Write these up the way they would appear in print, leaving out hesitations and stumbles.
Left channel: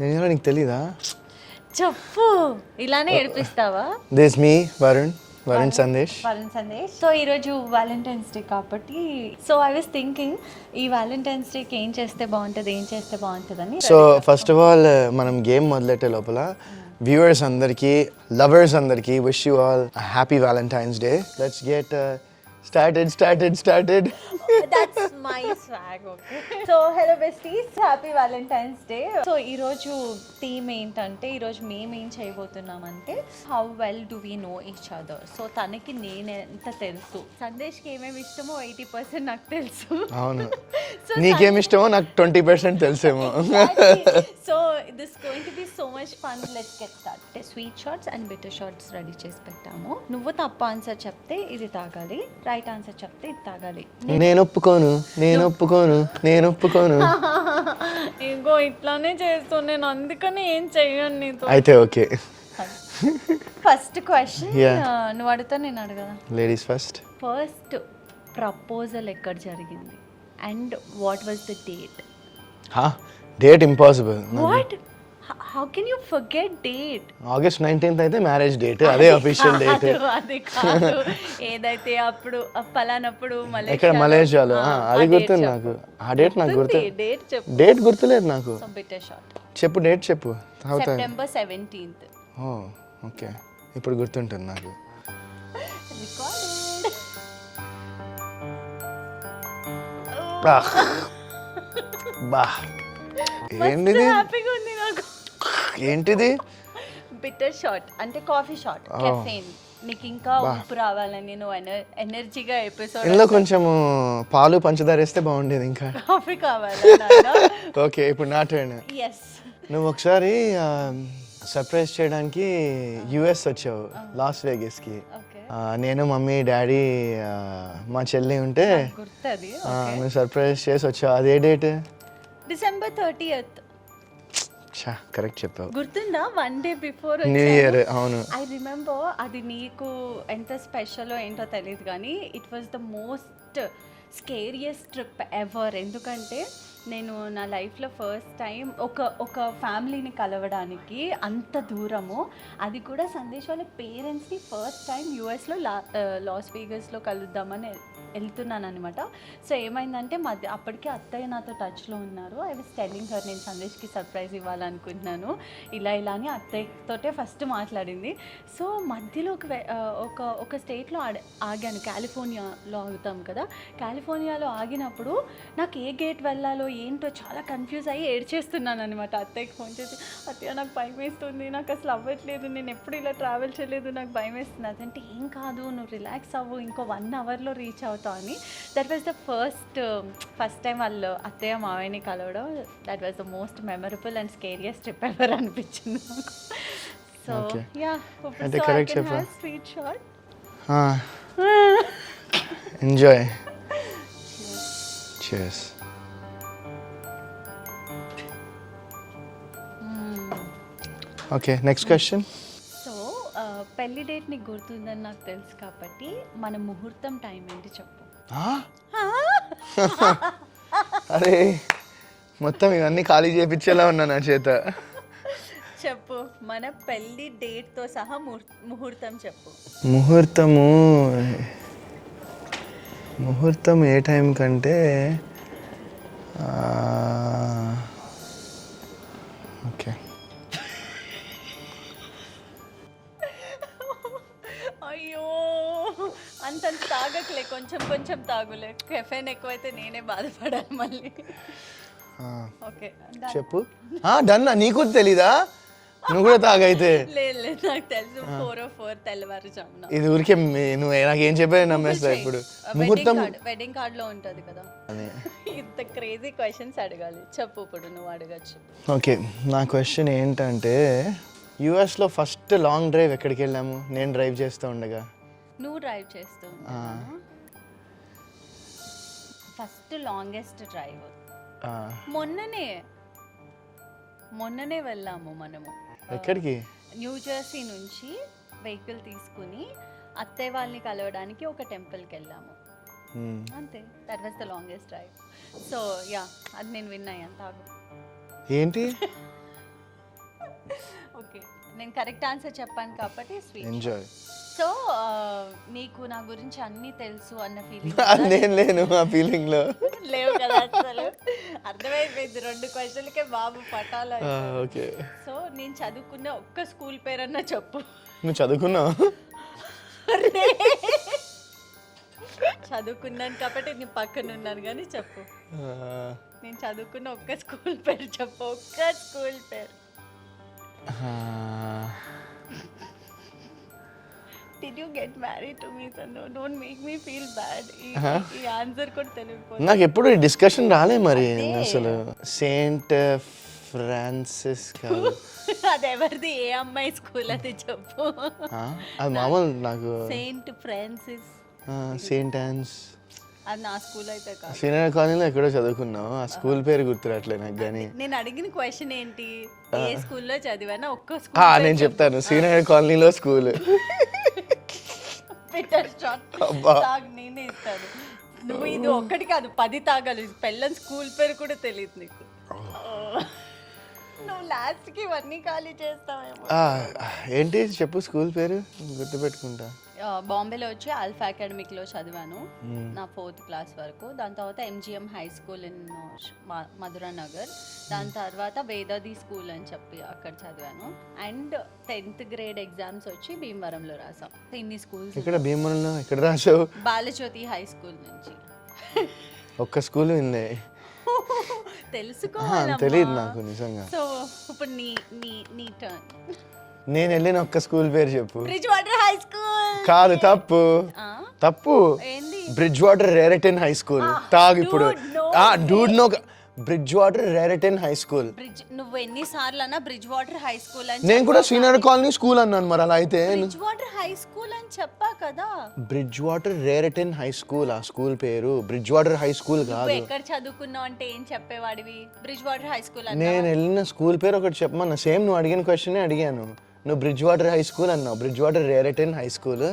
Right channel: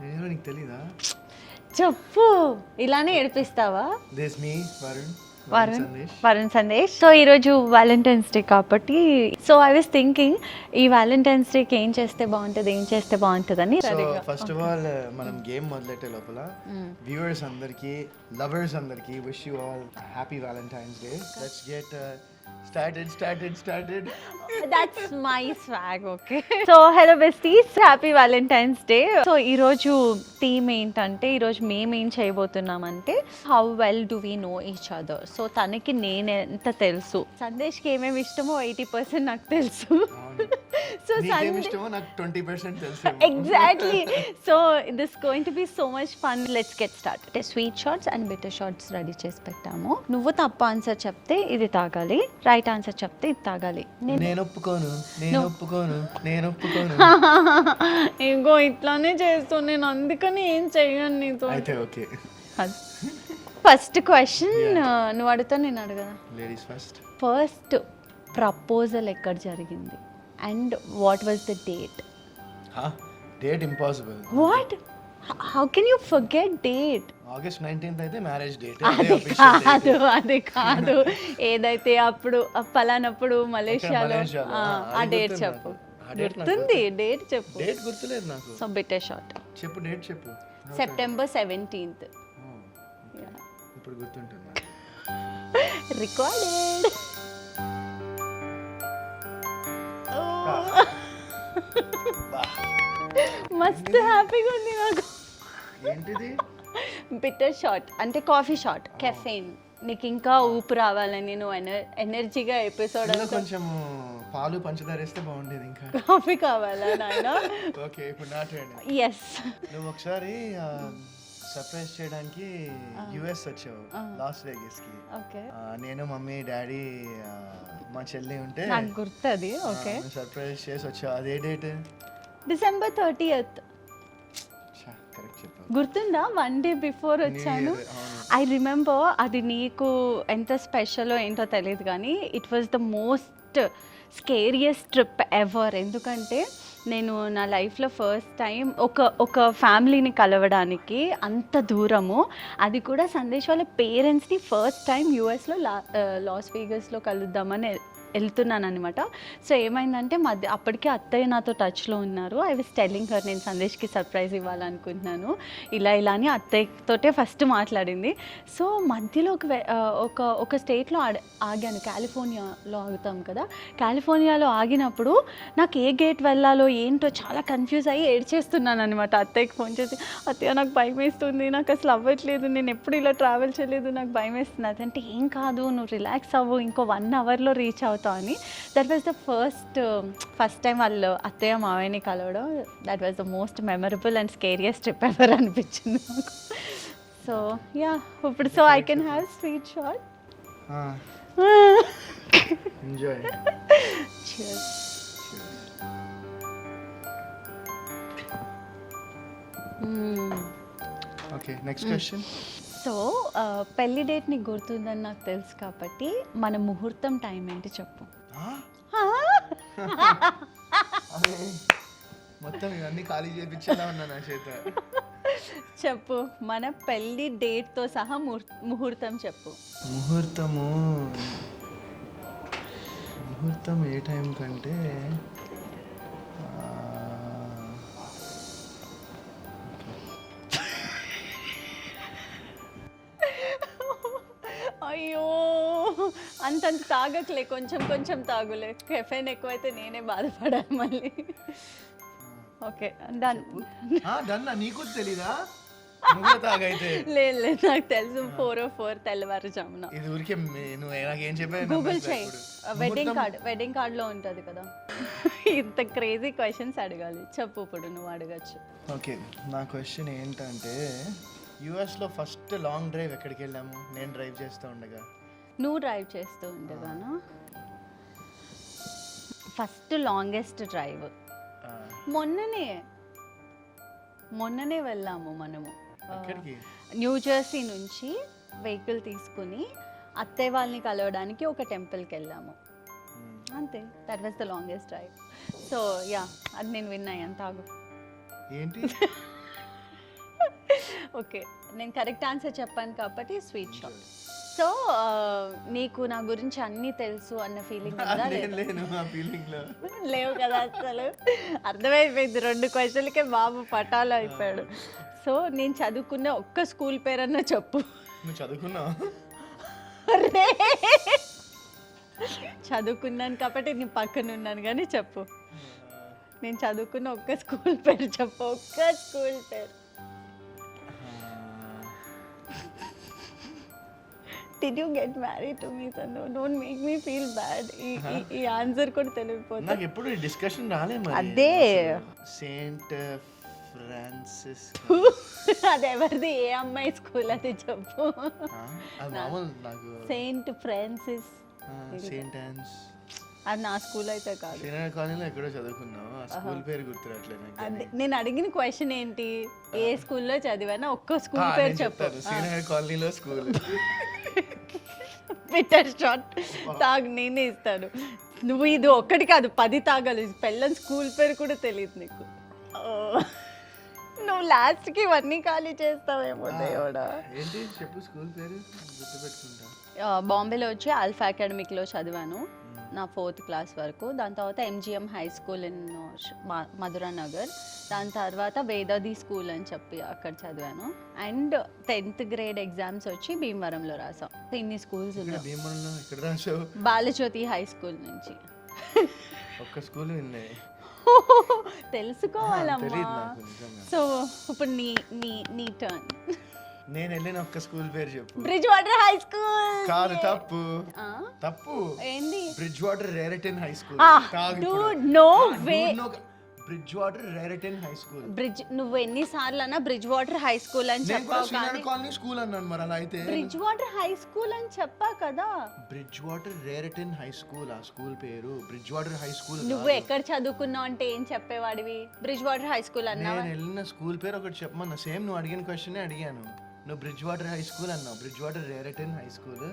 నేను నీకు తెలీదా? చెప్పు, ఇలానే ఏడిపిస్తావా? This me Varun Sandesh. So ఈరోజు వ్యాలంటైన్స్ డే కాబట్టి సో ఐ వాస్ థింకింగ్ ఈ వ్యాలంటైన్స్ డేకి ఏం చేస్తే బాగుంటుంది అని. సో ఫస్ట్ ఆఫ్ ఆల్ మనం గేమ్ మొదలెట్టే లోపల వ్యూవర్స్ అందరికీ, లవర్స్ అందరికీ wish you all happy Valentine's Day. Let's get started. That's my swag, okay. So hello besties, happy Valentine's Day. So ఈ రోజు థీమ్ ఏంటంటే ఈరోజు మేము ఏం చేయబోతున్నామంటే how well do we know each other. So తనకి నేను ఎంత తెలుసు, సందేశ్కి ఏమేమి ఇష్టమో 80% నాకు తెలుసు. అవును, నీకేమి ఇష్టమో నాకు 20% తెలుసేమో. So this going to be so much fun. Let's get start. అంటే sweet shots and bitter shots ready చేసి పెట్టాము. నువ్వు తప్పు ఆన్సర్ చెప్తే ఇది తాగాలి, రైట్ ఆన్సర్ చెప్తే ఇది తాగాలి. నేను ఒప్పుకోను. ఇంకో ఇట్లానే చేస్తూ నేను అందుకని ఏం చెయ్యను నీతో. అయితే ఓకే. ఫస్ట్ క్వశ్చన్ నువ్వు అడుగుతా, నేను అడగదా? Ladies first. ఫస్ట్ ప్రపోజల్ ఎక్కడ జరిగింది and what was the date? Date impossible. What? How can you forget date? August 19th అయితే మ్యారేజ్ డేట్, అదే అఫీషియల్ డేట్. అది కాదు, ఏదైతే అప్పుడు పలానప్పుడు మలేషియాలో అది గుర్తు నాకు. ఆ డేట్ నాకు గుర్తు. డేట్ చెప్పు. డేట్ గుర్తులేదు నాకు. సో బిటర్ షార్ట్ చెప్పు, డేట్ చెప్పు. September 17th. ఓకే, ఇప్పుడు గుర్తుంటుంది నాకు. రికార్డింగ్. ఏంటిది? బిటర్ షాట్ అంటే కాఫీ షాట్, కెఫెయిన్. నీకు ఇంకా ఊపు రావాలని నువ్వు ఎనర్జీగా ఎపిసోడ్. ఇందులో కొంచెం పాలు పంచదార వేస్తే బాగుండేది. ఇంకా కాఫీ కావాలి. ఓకే, ఇప్పుడు నా టర్న్. ఎస్. నువ్వు ఒకసారి సర్ప్రైజ్ చేయడానికి యుఎస్ వచ్చావు, లాస్ వేగస్కి. నేను, మమ్మీ, డాడీ, మా చెల్లి ఉంటే గుర్తుంది. నువ్వు సర్ప్రైజ్ చేసి వచ్చావు. అదే డేట్? December 30th. కరెక్ట్ చెప్పావు. గుర్తుందా? 1 day before న్యూ ఇయర్. అవును, ఐ రిమెంబర్. అది నీకు ఎంత స్పెషల్ ఏంటో తెలియదు కానీ it was the most scariest trip ever. ఎందుకంటే నేను నా లైఫ్లో ఫస్ట్ టైం ఒక ఫ్యామిలీని కలవడానికి అంత దూరము, అది కూడా సందేశ్ వాళ్ళ పేరెంట్స్ని ఫస్ట్ టైం యూఎస్లో లాస్ వేగస్లో కలుద్దామని వెళ్తున్నాను అనమాట. సో ఏమైందంటే అప్పటికే అత్తయ్య నాతో టచ్లో ఉన్నారు. ఐ వాస్ టెల్లింగ్ హర్ నేను సందేశ్కి సర్ప్రైజ్ ఇవ్వాలనుకుంటున్నాను ఇలా అని అత్తయ్యతోటే ఫస్ట్ మాట్లాడింది. సో మధ్యలో ఒక స్టేట్లో ఆగాను. కాలిఫోర్నియాలో ఆగుతాం కదా. కాలిఫోర్నియాలో ఆగినప్పుడు నాకు ఏ గేట్ వెళ్ళాలో ఏంటో చాలా కన్ఫ్యూజ్ అయ్యి ఏడ్చేస్తున్నాను అనమాట. అత్తయ్యకి ఫోన్ చేసి, అత్తయ్య నాకు భయం వేస్తుంది, నాకు అసలు అవ్వట్లేదు, నేను ఎప్పుడు ఇలా ట్రావెల్ చేయలేదు, నాకు భయం వేస్తుంది. అదంటే ఏం కాదు, నువ్వు రిలాక్స్ అవ్వు, ఇంకో 1 hourలో రీచ్ అవుతావు అని. That was the first time వాళ్ళు అత్తయ్య మావయ్యని కలవడం. That was the most memorable and scariest trip ever అనిపించింది నాకు. సో యా, ఇప్పుడు so I can have sweet shot. Enjoy. Cheers. Okay, next question. So పెళ్లి డేట్ నీకు గుర్తుందని నాకు తెలుసు కాబట్టి మన ముహూర్తం టైం ఏంటి చెప్పు. అరే, మొత్తం ఇవన్నీ ఖాళీ చేయించేలా ఉన్నా నా చేత. చెప్పు, మన పెళ్లి డేట్తో సహా ముహూర్తం చెప్పు. ముహూర్తం ఏ టైం కంటే ఓకే. అయ్యో, అంత తాగట్లే, కొంచెం తాగులే. కెఫెన్ ఎక్కువైతే నేనే బాధపడాలి మళ్ళీ. ఓకే, చెప్పు. డన్నా, నీకు తెలీదా? నువ్వు కూడా తాగైతే. లేదు, నాకు తెలుసు. 4 తెల్లవారుజామున. ఇది ఊరికే నువ్వు నాకేం చెప్పా నమ్మేస్తా. ఇప్పుడు వెడ్డింగ్ కార్డ్ లో ఉంటది కదా. ఇంత క్రేజీ క్వశ్చన్స్ అడగాలి. చెప్పు, ఇప్పుడు నువ్వు అడగచ్చు. ఓకే, నా క్వశ్చన్ ఏంటంటే యుఎస్లో ఫస్ట్ లాంగ్ డ్రైవ్ ఎక్కడికి వెళ్ళాము? నేను డ్రైవ్ చేస్తూ ఉండగా. నువ్వు డ్రైవ్ చేస్తూ ఉండగా. ఫస్ట్ లాంగెస్ట్ డ్రైవ్ మొన్ననే వెళ్ళాము మనము. ఎక్కడికి? న్యూ జెర్సీ నుంచి వెహికల్ తీసుకుని అత్తయ్య వాళ్ళని కలవడానికి ఒక టెంపుల్కి వెళ్ళాము. అంతే, that was the longest drive. So yeah, అది నేను విన్నా. ఎంత ఆగు. ఏంటి? ఓకే నేను కరెక్ట్ ఆన్సర్ చెప్పాను కాబట్టి స్వీట్ ఎంజాయ్. సో నీకు నా గురించి అన్నీ తెలుసు అన్న ఫీలింగ్ నేను లేను ఆ ఫీలింగ్ లో. లేవు కదా అసలు అర్థమైపోయింది 2 క్వశ్చన్లకే బాబు పటాలు అయిపోయాడు. ఓకే, సో నేను చదువుకున్న ఒక్క స్కూల్ పేరన్నా చెప్పు. నువ్వు చదువుకున్నావు? అరే చదువుకున్నాను కాబట్టి నీ పక్కన ఉన్నాను కానీ చెప్పు. నేను చదువుకున్న ఒక్క స్కూల్ పేరు చెప్పు, ఒక్క స్కూల్ పేరు. Did you get married to me, Sanu? Don't make me feel bad. ఈ ఆన్సర్ కూడా తెలియకపోతే నాకు ఎప్పుడు డిస్కషన్ రాలే మరి. అదే. అసలు సెయింట్ ఫ్రాన్సిస్ అది ఎవరిది, ఏ అమ్మాయి స్కూల్ అది చెప్పు. అది మామూలు నాకు. సెయింట్ ఫ్రాన్సిస్ సెయింట్ ఆన్స్ అది నా స్కూల్ అయితే కాదు. సీనియర్ కాలనీలో ఎక్కడో చదువుకున్నావు, ఆ స్కూల్ పేరు గుర్తురాట్లే నాకు. కానీ నేను అడిగిన క్వశ్చన్ ఏంటి, ఏ స్కూల్లో చదివానా ఒక్క స్కూల్ నేను చెప్తాను, సీనియర్ కాలనీలో స్కూల్. బిటర్ షాట్ తాగు నేనే ఇస్తాను. నువ్వు ఇది ఒక్కటి కాదు 10 తాగాలి. పెళ్ళని స్కూల్ పేరు కూడా తెలియదు నీకు. నువ్వు లాస్ట్కి ఇవన్నీ ఖాళీ చేస్తావేమో. ఏంటి చెప్పు స్కూల్ పేరు, గుర్తుపెట్టుకుంటా. బాంబేలో వచ్చి ఆల్ఫా అకాడమిక్లో చదివాను నా 4th క్లాస్ వరకు. దాని తర్వాత MGM high school in Madhura Nagar. దాని తర్వాత వేదాది స్కూల్ అని చెప్పి అక్కడ చదివాను. అండ్ 10th గ్రేడ్ ఎగ్జామ్స్ వచ్చి భీమవరంలో రాసాం. ఇన్ని స్కూల్స్. ఇక్కడ భీమవరంలో ఎక్కడ రాసావు? బాలజ్యోతి హై స్కూల్ నుంచి. ఒక్క స్కూల్ ఉంది, తెలుసుకోవాలి. తెలియదు నాకు నిజంగా. సో ఇప్పుడు నీ టర్న్. నేను వెళ్ళిన ఒక్క స్కూల్ పేరు చెప్పు. Bridgewater High School. కాదు, తప్పు తప్పు. ఏంది? Bridgewater Raritan High School. తాగు ఇప్పుడు. Dude no. Bridgewater Raritan High School. Bridge నువ్వు ఎన్నిసార్లు అన్నా బ్రిడ్జ్ వాటర్ హై స్కూల్ అని. నేను కూడా సీనియర్ కాలనీ స్కూల్ అన్నాను మరి. అలా అయితే బ్రిడ్జ్ వాటర్ హై స్కూల్ అని చెప్పా కదా. Bridge water Raritan High school ఆ స్కూల్ పేరు. బ్రిడ్జ్ వాటర్ హై స్కూల్ నువ్వు కాదు. ఎక్కడ చదువుకున్నావు అంటే ఏం చెప్పేవాడివి? బ్రిడ్జ్ వాటర్ హై స్కూల్ అన్నా. నేను వెళ్ళిన స్కూల్ పేరు ఒకటి చెప్పమన్నా. సేమ్ నువ్వు అడిగిన క్వశ్చన్ అడిగాను. నువ్వు బ్రిడ్జ్ వాటర్ హై స్కూల్ అన్నావు. Bridgewater Raritan High School.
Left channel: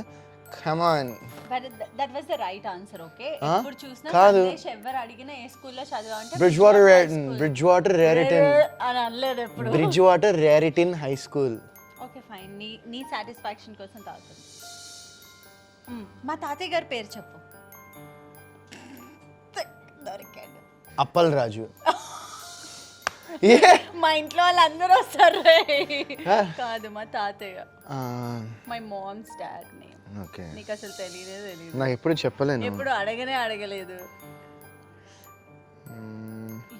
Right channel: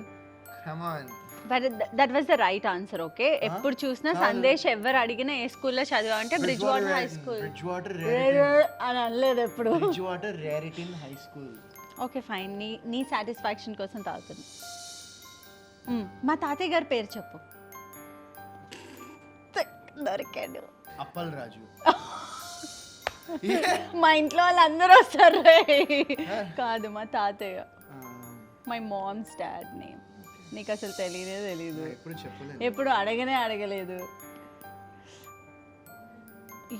Come on. But that was the right answer. Okay, ఎప్పుడు చూసినా సందేశ్ ఎవరు అడిగినా ఏ స్కూల్లో చదివా అంటే బ్రిడ్జ్ వాటర్ రేరటన్ అని అనలేదు ఎప్పుడు. Bridgewater Raritan High School. Okay fine, నీ సాటిస్ఫాక్షన్ కోసం తాగుతుంది. మా తాతయ్య గారి పేరు చెప్పు. దొరికాడు. అప్పల్ రాజు. మా ఇంట్లో వాళ్ళందరూ వస్తారు. కాదు, మా తాతయ్య. My mom's dad name. Okay, నీకు అసలు తెలియదు. నాకు ఎప్పుడు చెప్పలేను. ఎప్పుడు అడగలేదు.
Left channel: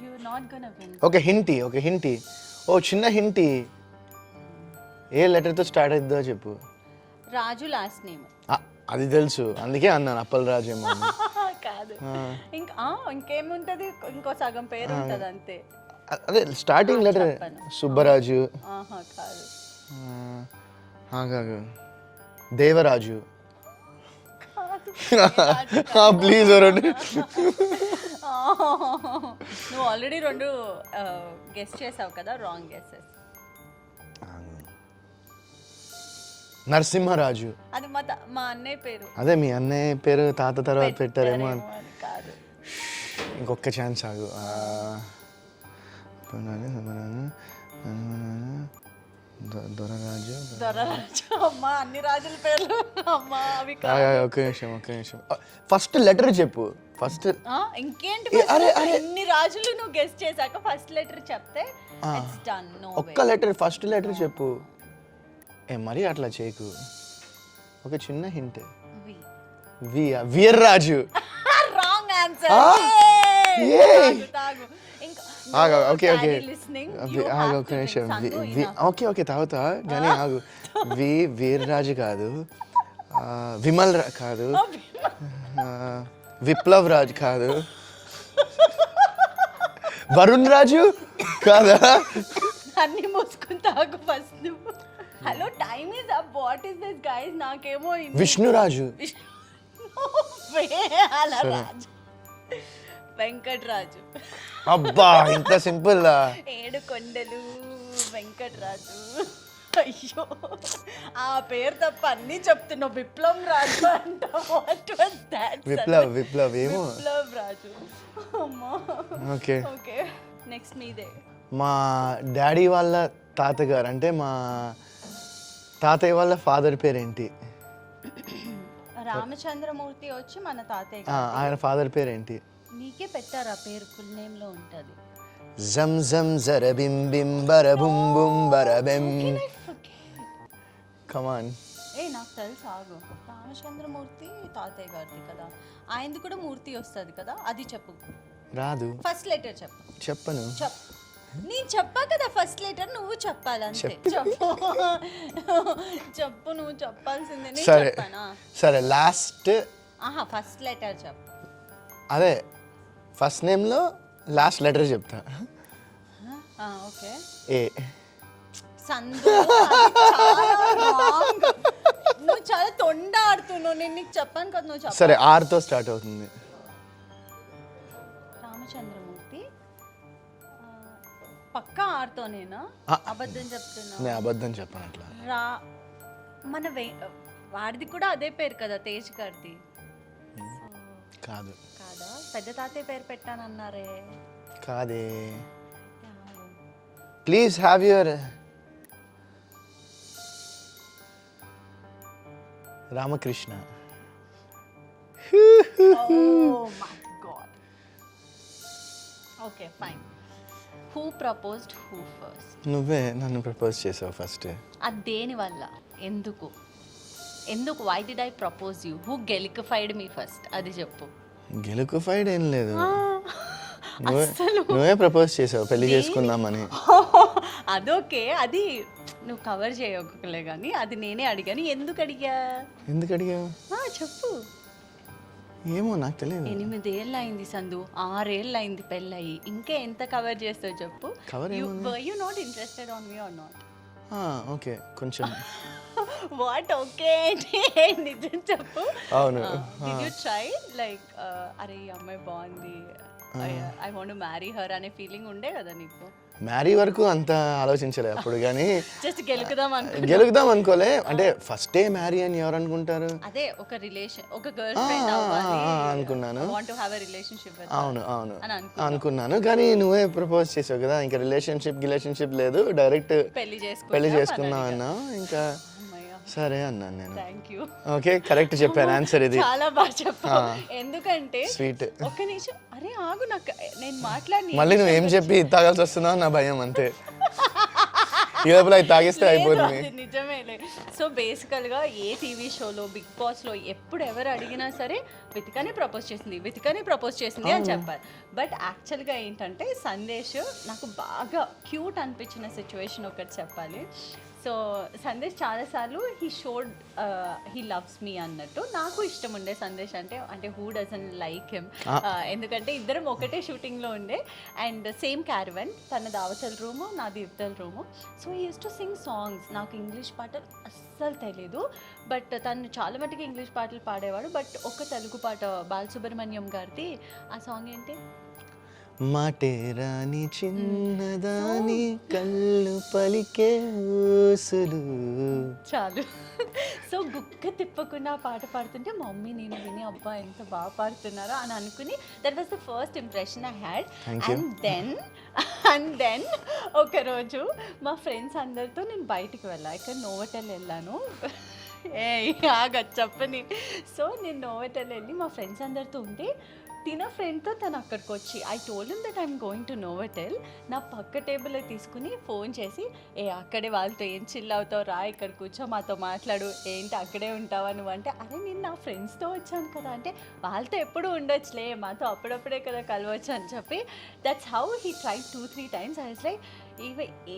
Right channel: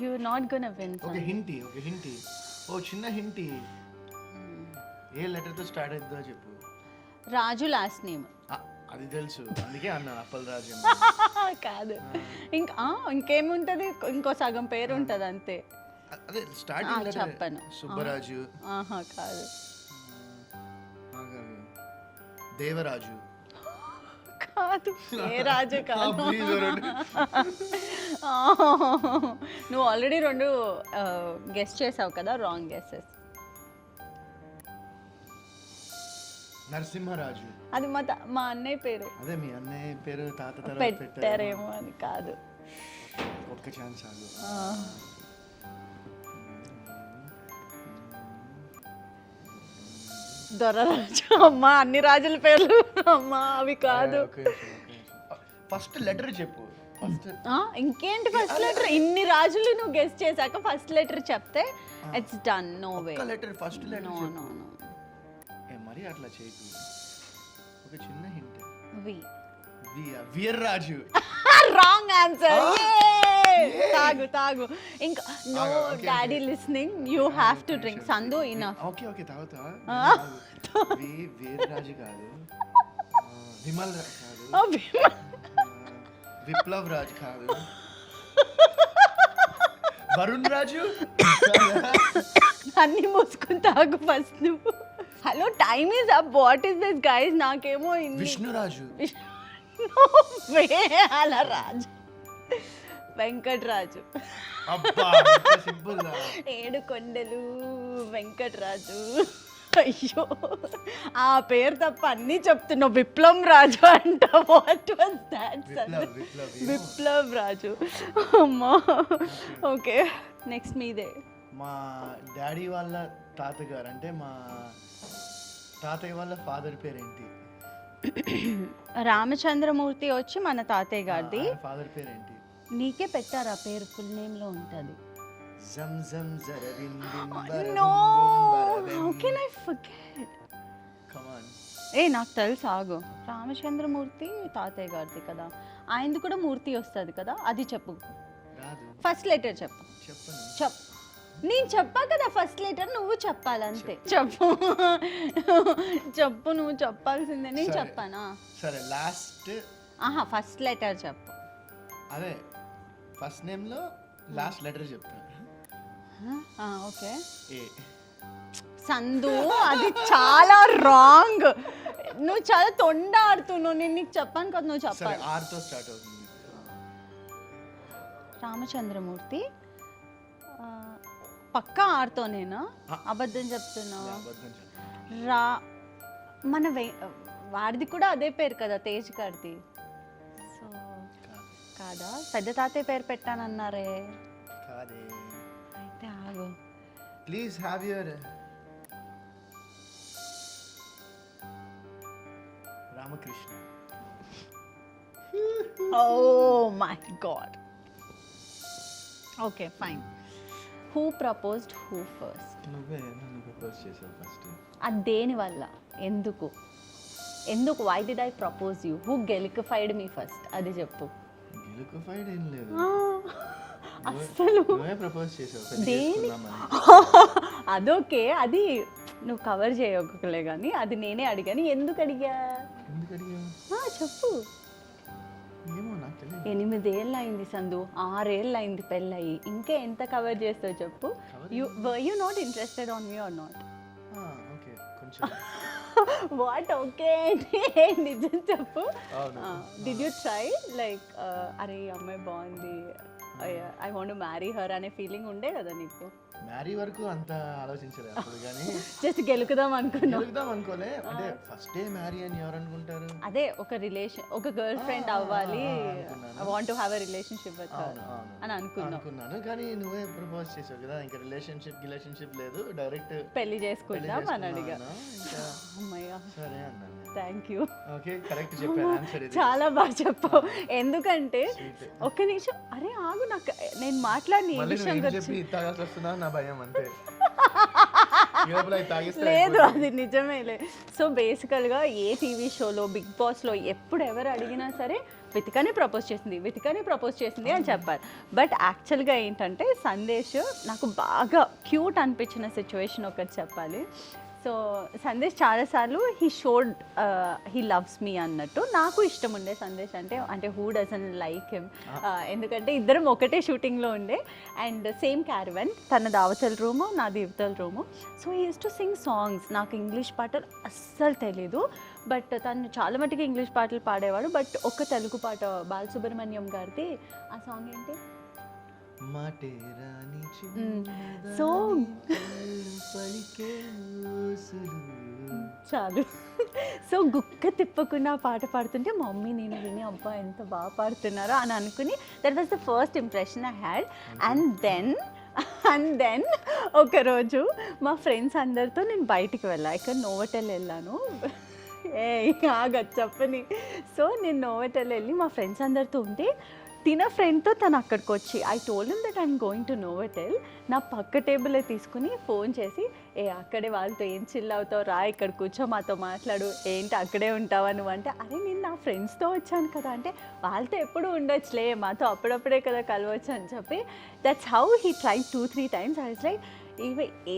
You not gonna win. Okay హింటి. ఓ చిన్న హింటి. ఏ లెటర్ తో స్టార్ట్ అవుతుందో చెప్పు. Raju last name. అది తెలుసు, అందుకే అన్నాను అప్పల్ రాజు ఏమో. కాదు, ఇంకేముంటది, ఇంకో సగం పేరు ఉంటది అంతే. అదే స్టార్టింగ్ లెటర్. సుబ్బరాజు. కాదు. కాదు, దేవరాజు. కాదు, ప్లీజ్. నువ్వు ఆల్రెడీ 2 గెస్ చేసావు కదా, రాంగ్ గెస్సెస్. నరసింహరాజు. అది మా అన్నయ్య పేరు. అదే మీ అన్నయ్య పేరు తాత తర్వాత పెట్టారేమో. కాదు, ఇంకొక ఛాన్స్ ఆగు. దొరరాజు. అమ్మా అన్ని రాజుల పేర్లు అమ్మా అవి కాదు. ఒక నిమిషం. ఫస్ట్ లెటర్ చెప్పు. ఫస్ట్ ఇంకేంటి, ఇన్ని రాజులు నువ్వు గెస్ చేశాక ఫస్ట్ లెటర్ చెప్తే ఇట్స్ డన్. No way. ఒక్క లెటర్, ఫస్ట్ లెటర్ చెప్పు. మరి అట్లా చేయకు. ఒక చిన్న హింట్. వీర్రాజు. Wrong answer. తాగు ఇంకా. ఓకే తాగుతా కానీ ఆగు. వీర్రాజు కాదు, విమల్ కాదు, విప్లవ్ రాజు కాదు, వరుణ్ రాజు కాదా? అన్ని మోసుకుని తాగు ఫస్ట్ నువ్వు. Hello, time is up. What is this guys? నాకేమో విష్ణురాజు. అలా రాజు. వెంకటరాజు. అబ్బా, ఇంత సింపుల్. 7 కొండలు వెంకటరాజు. అయ్యో, ఆ పేరు తప్ప అన్ని చెప్తున్నావు. విప్లవ్ రాజు అంట. What was that? విప్లవ్ ఏమో. విప్లవ్ రాజు. అమ్మా. ఓకే ఓకే, నెక్స్ట్ మీదే. మా డాడీ వాళ్ళ తాతగారు అంటే మా తాతయ్య వాళ్ళ ఫాదర్ పేరేంటి? రామచంద్రమూర్తి వచ్చి మన తాతయ్య గారి. ఆయన ఫాదర్ పేరేంటి? నీకే పెట్టారు ఆ పేరు, ఫుల్ నేమ్ లో ఉంటుంది. జం జం జర బిం బిం బర బుం బుం బర బిం. Come on. నాకు తెలుసు, ఆగు. రామచంద్రమూర్తి తాతయ్య గారిది కదా, ఆయనది కూడా మూర్తి వస్తుంది కదా, అది చెప్పు. రాదు. ఫస్ట్ లెటర్ చెప్పు. చెప్పను. నేను చెప్పా కదా ఫస్ట్ లెటర్, నువ్వు చెప్పాలంతే. చెప్పు చెప్పు, నువ్వు చెప్పాల్సిందే. సరే చెప్పానా? సరే లాస్ట్. ఫస్ట్ లెటర్ చెప్పు. అదే ఫస్ట్ నేమ్లో లాస్ట్ లెటర్ చెప్తా. ఓకే. ఏ. సందు, అది చాలా రాంగ్. నువ్వు చాలా తొండ ఆడుతున్నావు. నేను నీకు చెప్పాను కదా, నువ్వు చెప్పు. సరే ఆర్తో స్టార్ట్ అవుతుంది. రామచంద్రమూర్తి పక్కా ఆర్తోనేనా? అబద్ధం చెప్తున్నా? నేను అబద్ధం చెప్పను అట్లా. మన వాడిది కూడా అదే పేరు కదా, తేజ్ గారిది. కాదు. కాదా? పెద్ద తాతయ్య పేరు పెట్టానన్నారే. కాదే. అయితే ఆగు. Please have your Ramakrishna. Oh my god. Okay, fine. Who proposed who first? నువ్వే నన్ను ప్రపోజ్ చేసావు ఫస్ట్. అది దేని వల్ల? ఎందుకు? Why did I propose you? Who గెలికిఫైడ్ మీ ఫస్ట్? అది చెప్పు. గెలుకుఫైడ్ ఏం లేదు, నువ్వే ప్రపోజ్ చేసావు పెళ్లి చేసుకుందామని. అదోకే, అది నువ్వు కవర్ చేయలే కానీ అది నేనే అడిగాను. ఎందుకు అడిగావు? చెప్పు. ఏమో నాకు తెలియదు. 8 ఏళ్ళు అయింది సందు, 6 ఏళ్ళు అయింది పెళ్ళయి, ఇంకా ఎంత కవర్ చేస్తావు చెప్పు. You not interested on me or not? Okay కొంచెం. వాట్ ఓకే నిజం చెప్పు. అవును. డిడ్ యు ట్రై లైక్ అరే అమ్మాయి బాగుంది, I want to marry her అనే ఫీలింగ్ ఉండే కదా నీకు? మ్యారీ వరకు అంత ఆలోచించలేదు అప్పుడు, కానీ జస్ట్ గెలుకుదాం అనుకోలే. అంటే ఫస్ట్ డే మ్యారీ అని ఎవరు అనుకుంటారు? అదే ఒక రిలేషన్, ఒక గర్ల్ ఫ్రెండ్ అవ్వాలి అనుకున్నాను. Want to have a relationship with. అవును అనుకున్నాను, కానీ నువ్వే ప్రపోజ్ చేసావు కదా, ఇంకా రిలేషన్షిప్ లేదు, డైరెక్ట్ పెళ్లి చేసుకుందాం అన్నా. ఇంకా సరే అన్నాను నేను. థాంక్యూ. ఓకే కరెక్ట్ చెప్పాను ఆన్సర్ ఇది. చాలా బాగా చెప్పావు. ఎందుకంటే స్వీట్. ఒక్క నిమిషం, అరే ఆగు, నాకు నేను మాట్లాడి మళ్ళీ నువ్వు ఏం చెప్పి తాగాల్సి వస్తున్నావు నా భయం అంతే. ఈ లోపల అది తాగిస్తే అయిపోతుంది. నిజమేలే. సో బేసికల్గా ఏ టీవీ షోలో, బిగ్ బాస్లో ఎప్పుడు ఎవరు అడిగినా సరే వెతికనే ప్రపోజ్ చేసింది అని చెప్పారు. బట్ యాక్చువల్గా ఏంటంటే సందేశ్ నాకు బాగా క్యూట్ అనిపించిన సిచ్యువేషన్ ఒకటి చెప్పాలి. సో సందేశ్ చాలాసార్లు హీ లవ్స్ మీ అన్నట్టు. నాకు ఇష్టం ఉండే సందేశ్ అంటే హూ డజంట్ లైక్ హిమ్. ఎందుకంటే ఇద్దరం ఒకటే షూటింగ్లో ఉండే అండ్ సేమ్ క్యారవెన్, తన అవతల రూము నాది ఇవతల room. So he use to sing songs. నాకు ఇంగ్లీష్ పాటలు అస్సలు తెలీదు, బట్ తను చాలా మటుకు ఇంగ్లీష్ పాటలు పాడేవాడు. బట్ ఒక తెలుగు పాట బాలసుబ్రహ్మణ్యం గారిది, ఆ సాంగ్ ఏంటి? మాటే రాని చిన్నదాని కళ్ళు పలికే ఊసులు. చాలు. సో గుక్క తిప్పకుండా పాట పాడుతుంటే మా మమ్మీ నేను విని అబ్బా ఎంత బాగా పాడుతున్నారో అని అనుకుని, that was the first impression I had. And then ఒకరోజు మా ఫ్రెండ్స్ అందరితో నేను బయటికి వెళ్ళాను. ఇక్కడ నోవోటెల్ వెళ్ళాను. చెప్పని. సో నేను నోవోటెల్ వెళ్ళి మా ఫ్రెండ్స్ అందరితో ఉంటే తిన ఫ్రెండ్తో తను అక్కడికి వచ్చి I told him that I'm going to Novotel. నా పక్క టేబుల్లో తీసుకుని ఫోన్ చేసి అక్కడే వాళ్ళతో ఏం చిల్ అవుతావు, రా ఇక్కడ కూర్చో మాతో మాట్లాడు, ఏంటి అక్కడే ఉంటావా నువ్వు అంటే, అరే నేను నా ఫ్రెండ్స్తో వచ్చాను కదా అంటే, వాళ్ళతో ఎప్పుడు ఉండొచ్చులే, మాతో అప్పుడప్పుడే కదా కలవచ్చు అని చెప్పి that's how he try 2-3 times. I was like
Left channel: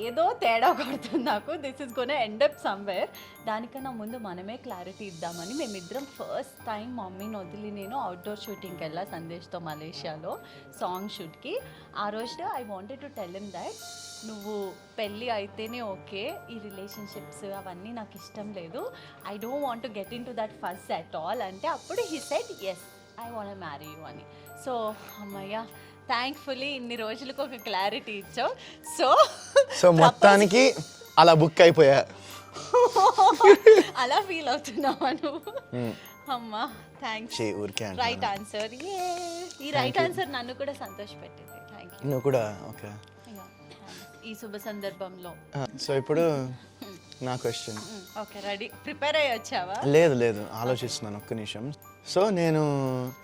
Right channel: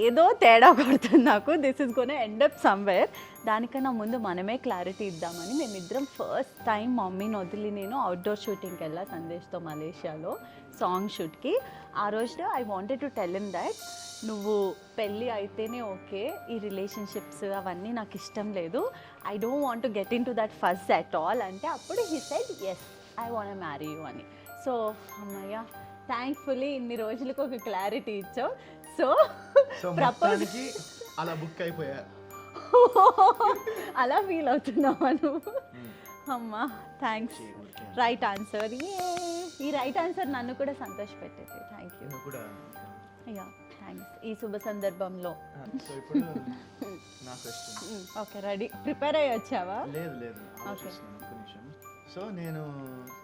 ఏదో తేడా కొడుతుంది నాకు, this is gonna end up somewhere. దానికన్నా ముందు మనమే క్లారిటీ ఇద్దామని మేమిద్దరం ఫస్ట్ టైం మమ్మీని వదిలి నేను అవుట్డోర్ షూటింగ్కి వెళ్ళా సందేశ్తో మలేషియాలో సాంగ్ షూట్కి. ఆ రోజు I wanted to tell him that నువ్వు పెళ్ళి అయితేనే ఓకే, ఈ రిలేషన్షిప్స్ అవన్నీ నాకు ఇష్టం లేదు, I don't want to get in to that first at all అంటే, అప్పుడు he said yes I want to marry you అని. సో అమ్మయ్య థ్యాంక్ఫుల్లీ ఇన్ని రోజులకు ఒక క్లారిటీ ఇచ్చావు. సో మొత్తానికి అలా బుక్ అయిపోయా. అలా ఫీల్ అవుతున్నావా నువ్వు? అమ్మా థ్యాంక్స్. Right answer. ఈ రైట్ ఆన్సర్ నన్ను కూడా సంతోషపెట్టింది. Thank you. నువ్వు కూడా ఓకే. థ్యాంక్స్. ఈ శుభ సందర్భంలో. సో ఇప్పుడు నా క్వశ్చన్. ఓకే, రెడీ, ప్రిపేర్ అయ్యి వచ్చావా? లేదు ఆలోచిస్తున్నాను ఒక్క నిమిషం. సో నేను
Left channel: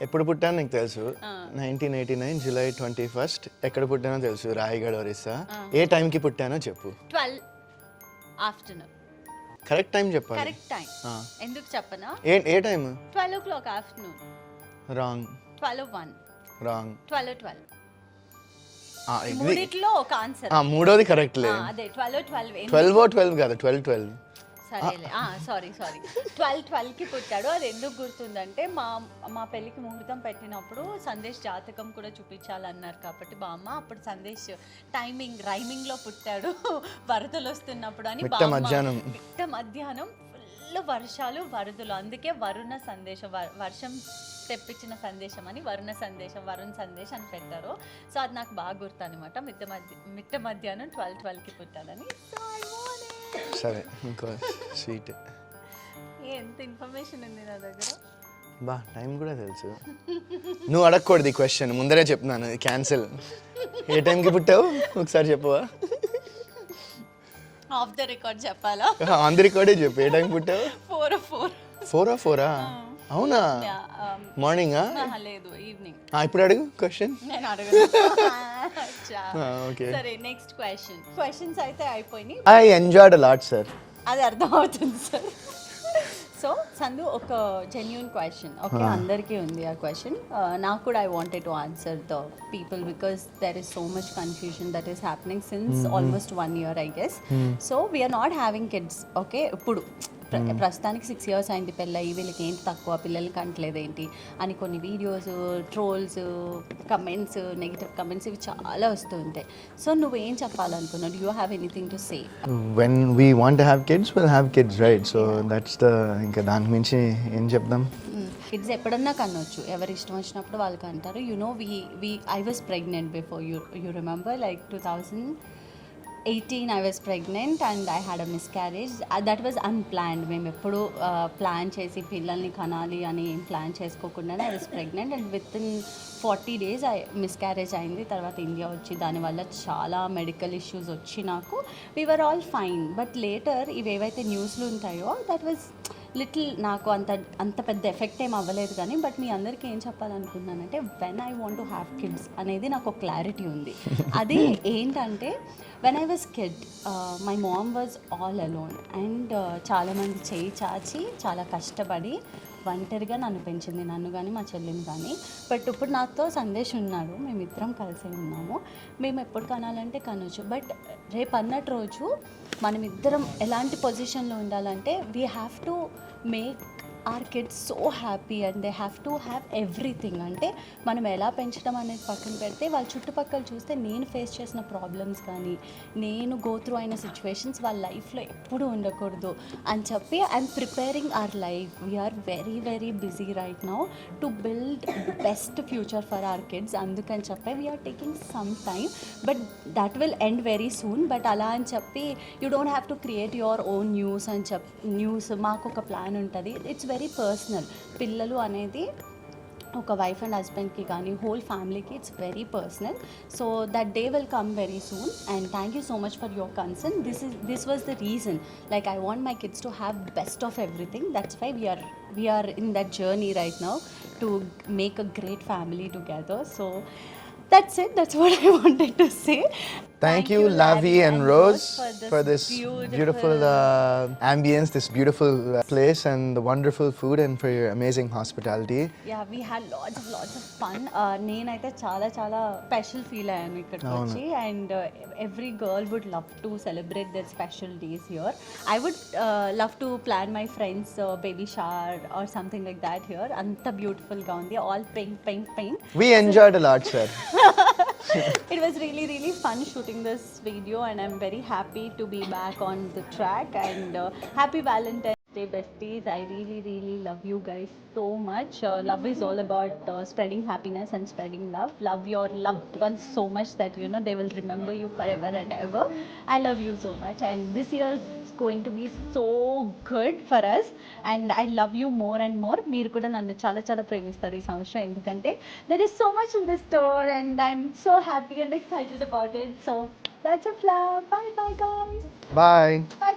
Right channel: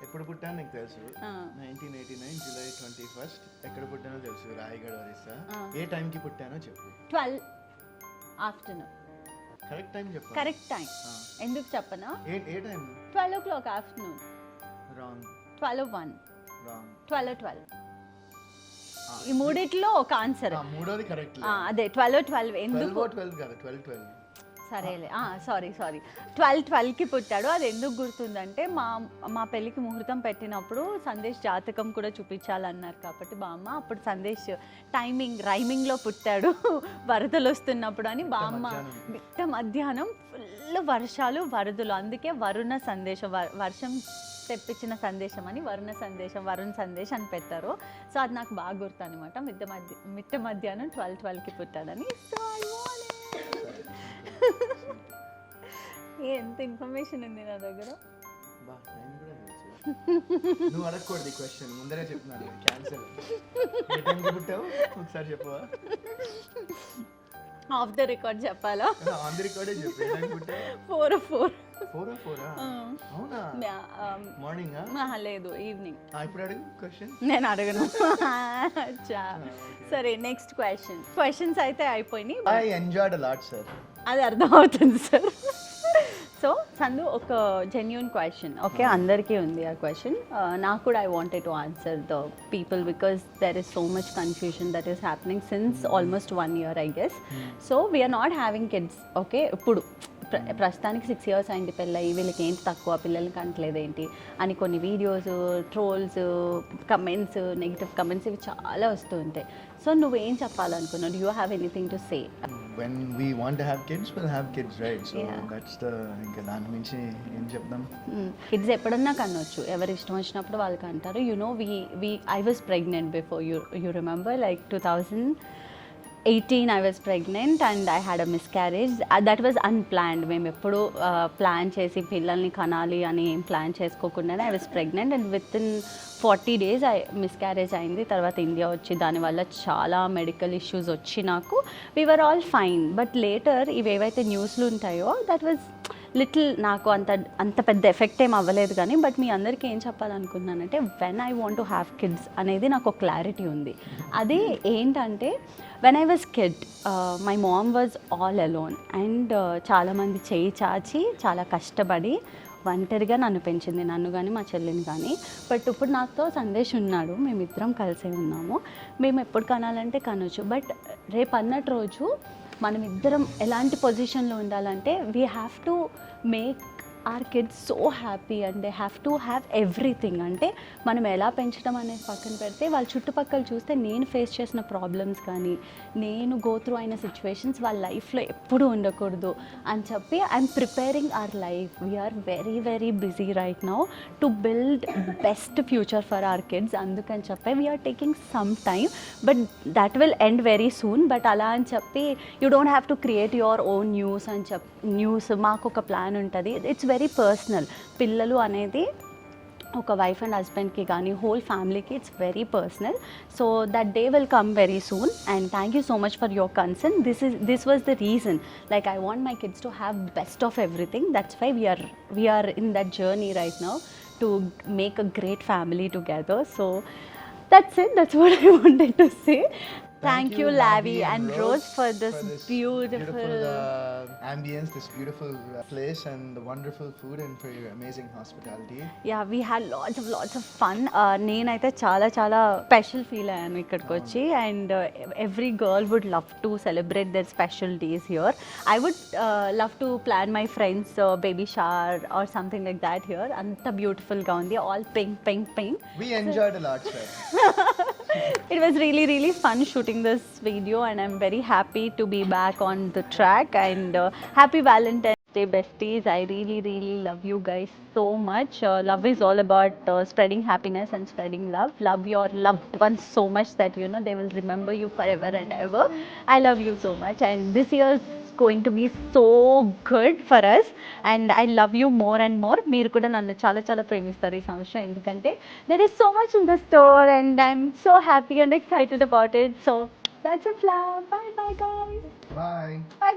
ఎప్పుడు పుట్టాను నీకు తెలుసు, 1989 జూలై 21. ఎక్కడ పుట్టానో తెలుసు, రాయగఢ్ ఒరిస్సా. ఏ టైంకి పుట్టానో చెప్పు. 12 ఆఫ్టర్నూన్. కరెక్ట్ టైం చెప్పాలి. కరెక్ట్ టైం ఎందుకు చెప్పనా? ఏ time? 12 o'clock afternoon. Wrong. 12:01. Wrong. 12:12. మూడిట్లో ఒక ఆన్సర్. మూడోది కరెక్ట్ లేదు. అదే 12:12. 12 కాదు, 12. సరేలే, సారీ 12:12కి పుట్టాడు. అది ఎందుకు గుర్తుందంటే మా పెళ్ళికి ముహూర్తం పెట్టినప్పుడు సందేశ్ జాతకం కూడా చూపించాలన్నారు కాబట్టి మా అమ్మ అప్పుడు సందేశ్ రైమింగ్లో పుట్టాడు వరదలు వస్తున్నప్పుడు అని. మిట్ట మధ్యాహ్నం ఫుల్ వర్షాలు వరదలు, అందుకే వరుణ సందేశం, వర్షం తెప్పించిన సందేశం అని వరుణ సందేశం అని పెట్టారు. సో అది నాకు బాగా గుర్తు అనమాట. మిట్ట మధ్యాహ్నం 12:12కి పుట్టాడని. సరే, ఇంకో స్వీట్. ఎంత ఇన్ఫర్మేషన్ ఉంది నా దగ్గర. బా, టైం కూడా తెలుసు. నువ్వు అడగకూడదు ఈ క్వశ్చన్, ముందరే చెప్తున్నాను, క్యాన్సిల్. ఏ టైంకి పుట్టావు ఒకసారి చెప్పవా? ఆఫ్ ద రికార్డ్ చెప్పాలా? ఆన్ ది రికార్డే చెప్పు. ఏ టైం పుట్టావు? 4 అవునా? మార్నింగా? లేదు, ఈవినింగ్. ఇప్పుడు అడుగు క్వశ్చన్. నేను అడగను. ఓకే, సరే, నెక్స్ట్ క్వశ్చన్స్ అయితే అయిపోయినాయి. I enjoyed a lot sir. అది అర్థమవుతుంది సార్. సో సందు, ఒక జెన్యూన్ క్వశ్చన్. ఓకే, అందరికీ ఉంది ఆ క్వశ్చన్. నాకు కూడా I wanted to answer the people because there is so much confusion that is happening since almost 1 year I guess. So we're not having kids. Okay, ఇప్పుడు ప్రస్తుతానికి 6 years అయింది పెళ్ళయి, వీళ్ళకి ఏంటి తక్కువ, పిల్లల్ని కంటలేదు ఏంటి అని కొన్ని videos, trolls, comments, negative comments ఇవి చాలా వస్తూ ఉంటాయి. సో నువ్వేం చెప్పాలనుకున్నావు? Do you have anything to say? When we want to have kids will have kids, right? So that's the, ఇంకా దాని మించి ఏం చెప్దాం. కిడ్స్ ఎప్పుడన్నా కనవచ్చు, ఎవరు ఇష్టం వచ్చినప్పుడు వాళ్ళకి అంటారు. You know, I was pregnant before, you remember, like 2018 I was pregnant and I had a miscarriage. That was unplanned. మేము ఎప్పుడు ప్లాన్ చేసి పిల్లల్ని కనాలి అని ప్లాన్ చేసుకోకుండానే I was pregnant and within 40 days miscarriage అయింది. తర్వాత ఇండియా వచ్చి దానివల్ల చాలా మెడికల్ ఇష్యూస్ వచ్చి నాకు we were all fine. But later ఇవేవైతే న్యూస్లు ఉంటాయో దట్ వాజ్ లిటిల్, నాకు అంత పెద్ద ఎఫెక్ట్ ఏం అవ్వలేదు కానీ, బట్ మీ అందరికీ ఏం చెప్పాలనుకుంటున్నానంటే when I want to have kids అనేది నాకు ఒక క్లారిటీ ఉంది. అది ఏంటంటే, when I was kid my mom was all alone and చాలామంది చేయి చాచి చాలా కష్టపడి ఒంటరిగా నన్ను పెంచింది, నన్ను కానీ మా చెల్లిని కానీ. బట్ ఇప్పుడు నాతో సందేశ్ ఉన్నాడు, మేమిద్దరం కలిసే ఉన్నాము. మేము ఎప్పుడు కనాలంటే కనొచ్చు. బట్ రేపు అన్నట్టు రోజు మనం ఇద్దరం ఎలాంటి పొజిషన్లో ఉండాలంటే we have to make our kids so happy and they have to have everything. అంటే మనం ఎలా పెంచడం అనేది పక్కన పెడితే వాళ్ళ చుట్టుపక్కల చూస్తే నేను ఫేస్ చేసిన ప్రాబ్లమ్స్ కానీ నేను గో త్రూ అయిన సిచ్యువేషన్స్ వాళ్ళ లైఫ్లో ఎప్పుడూ ఉండకూడదు అని చెప్పి I'm preparing our life. We're very very busy right now to build best future for our kids. అందుకని చెప్పి we're taking some time but that will end very soon. But అలా అని చెప్పి you don't have to create your own news. మాకు ఒక plan ఉంటుంది, it's very personal. పిల్లలు అనేది ఒక వైఫ్ అండ్ హస్బెండ్కి కానీ హోల్ ఫ్యామిలీకి it's very personal. So that day will come very soon and thank you so much for your concern. This was the reason, like I want my kids to have best of everything. That's why we are in that journey right now to make a great family together. So that's it. That's what I wanted to say. Thank you, Lavi and Rose, for this beautiful ambience, this beautiful place and the wonderful food and for your amazing hospitality. Yeah, we had lots of fun. నేనైతే చాలా special feel అయ్యాను ఇక్కడికి వచ్చి. And every girl would love to celebrate their special days here. I would love to plan my friends baby shower or something like that here. అంత బ్యూటిఫుల్గా ఉంది, all pink. We enjoyed a lot, sir. It was really fun shooting this video and I'm very happy to be back on the track and happy Valentine's Day besties. I really love you guys so much. Love is all about spreading happiness and spreading love. Love your loved ones so much that you know they will remember you forever and ever. I love you so much and this year is going to be so good for us and I love you more and more. మీరు కూడా నన్ను చాలా ప్రేమిస్తారు ఈ సంవత్సరం, ఎందుకంటే there is so much in the store and I'm so happy and excited about it. So That's a flower. Bye bye guys. Bye. Bye.